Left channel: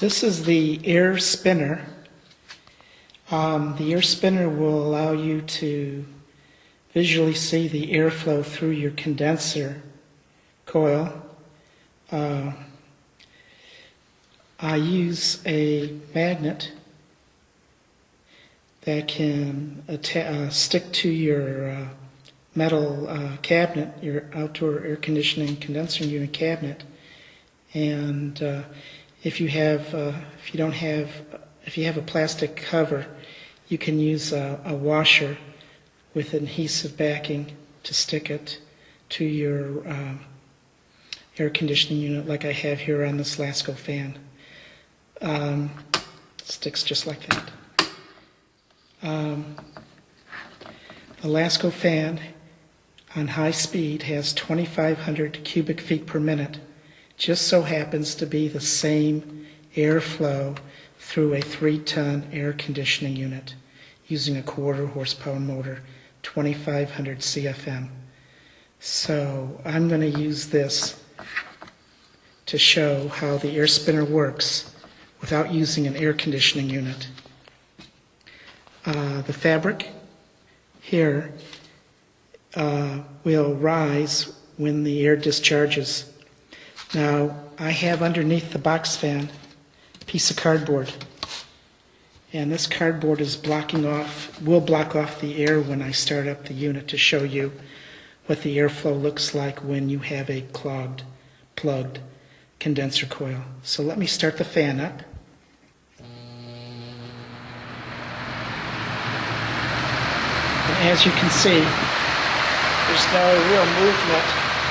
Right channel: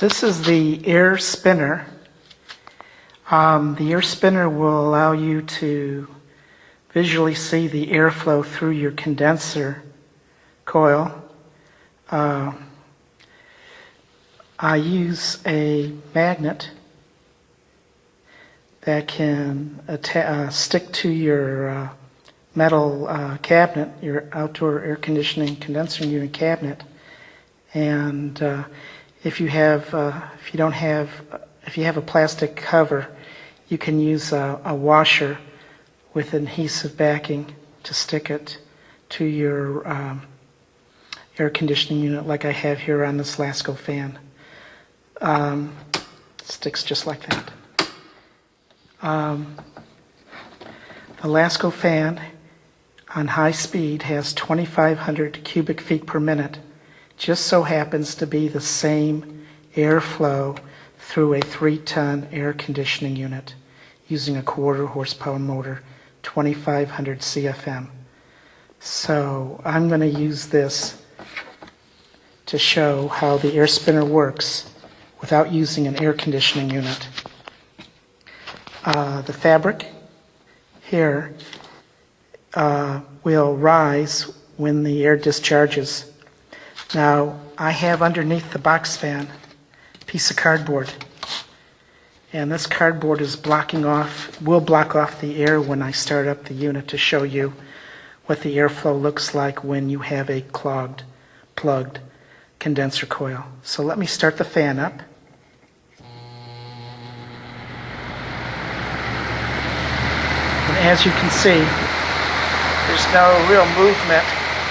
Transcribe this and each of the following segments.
This is the air spinner. The air spinner will allow you to visually see the airflow through your condenser coil. I use a magnet that can stick to your metal cabinet, your outdoor air conditioning condensing unit cabinet, and if you have a plastic cover, you can use a washer with adhesive backing to stick it to your air conditioning unit, like I have here on this Lasko fan. Sticks just like that. The Lasko fan on high speed has 2,500 cubic feet per minute. Just so happens to be the same airflow through a 3-ton air conditioning unit using a 1/4 horsepower motor, 2,500 CFM. So I'm going to use this to show how the air spinner works without using an air conditioning unit. The fabric here will rise when the air discharges. Now, I have underneath the box fan a piece of cardboard, and this cardboard is will block off the air when I start up the unit to show you what the airflow looks like when you have a plugged condenser coil. So let me start the fan up. And as you can see, there's no real movement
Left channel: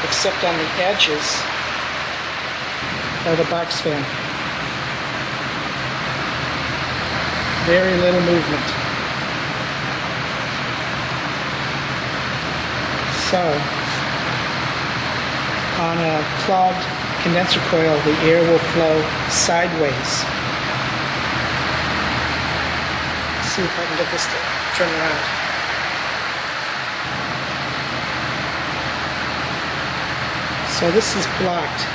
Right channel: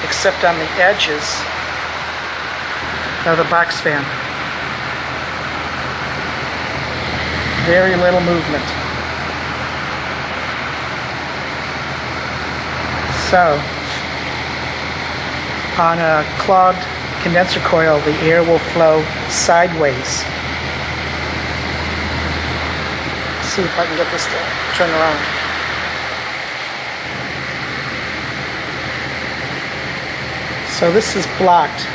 except on the edges of the box fan. Very little movement. So, on a clogged condenser coil, the air will flow sideways. Let's see if I can get this to turn around. So this is blocked.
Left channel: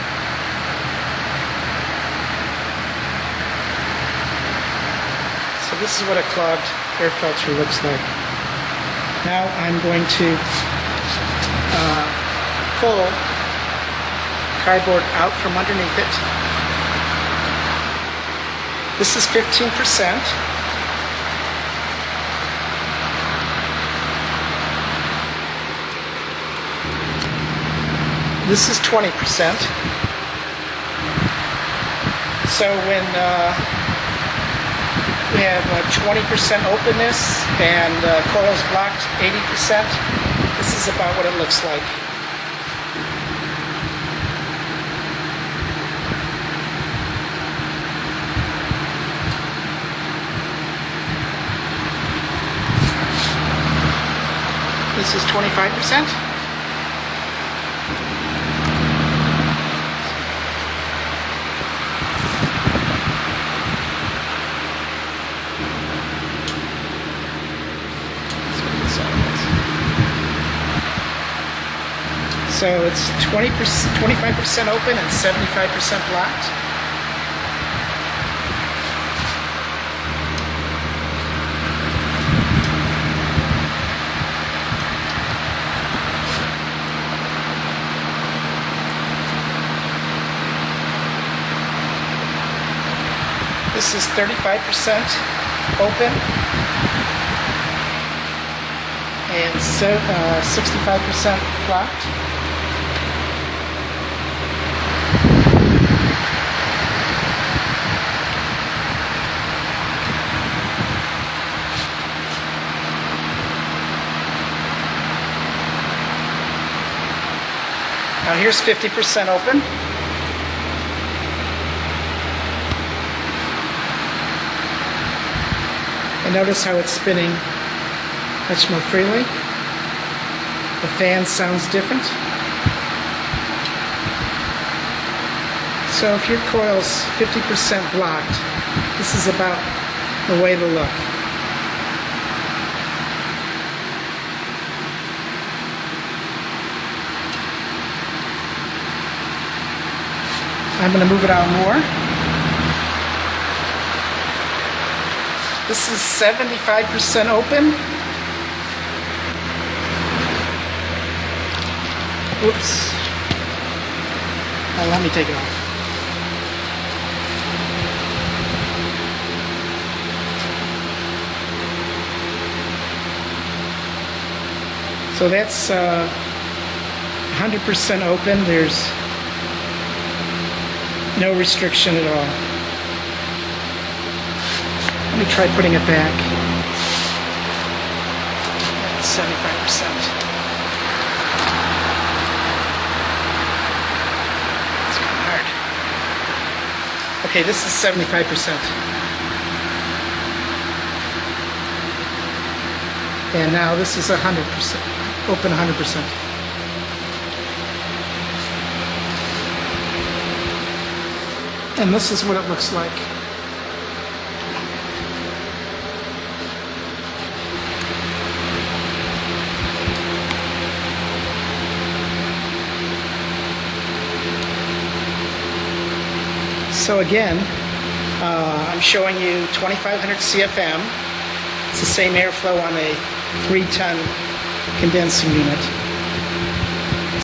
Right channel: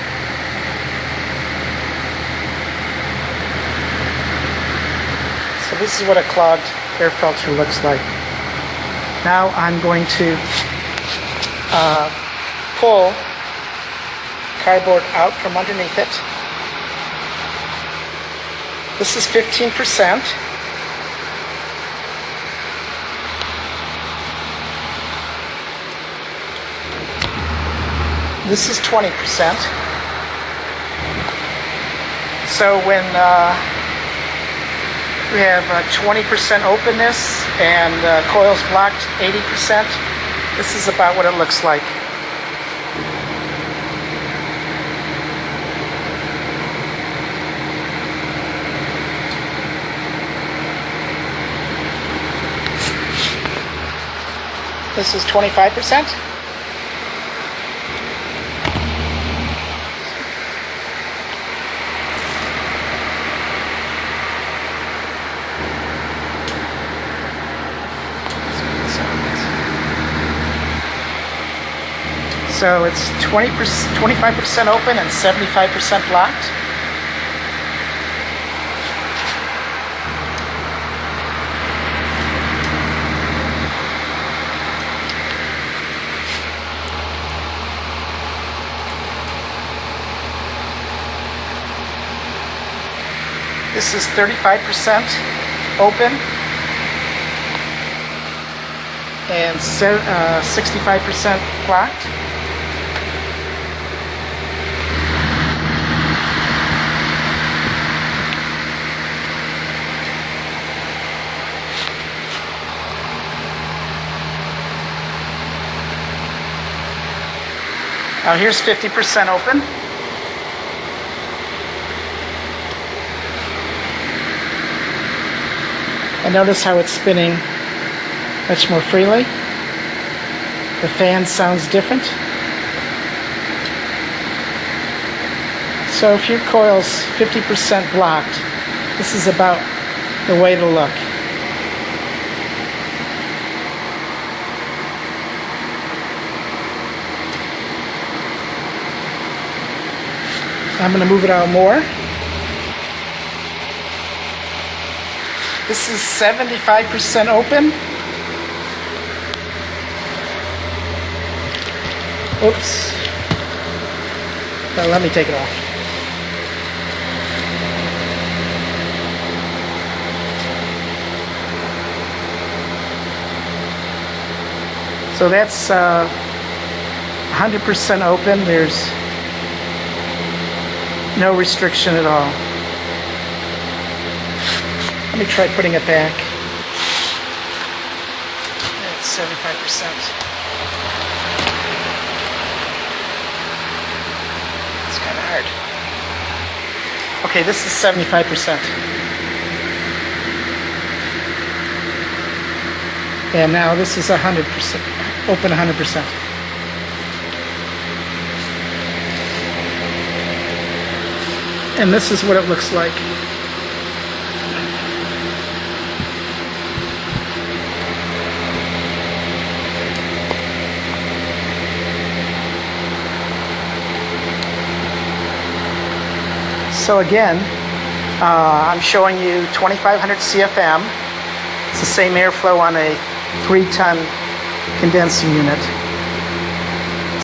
So this is what a clogged air filter looks like. Now I'm going to pull cardboard out from underneath it. This is 15%. This is 20%. So when we have 20% openness and coils blocked 80%, this is about what it looks like. This is 25%. So it's 25% open and 75% blocked. This is 35% open and 65% blocked. Now here's 50% open. And notice how it's spinning much more freely. The fan sounds different. So if your coil's 50% blocked, this is about the way to look. I'm going to move it out more. This is 75% open. Oops. Well, let me take it off. So that's 100% open. There's no restriction at all. Let me try putting it back. It's 75%. It's kind of hard. Okay, this is 75%. And now this is 100%, open 100%. And this is what it looks like. So again, I'm showing you 2500 CFM. It's the same airflow on a 3-ton condensing unit.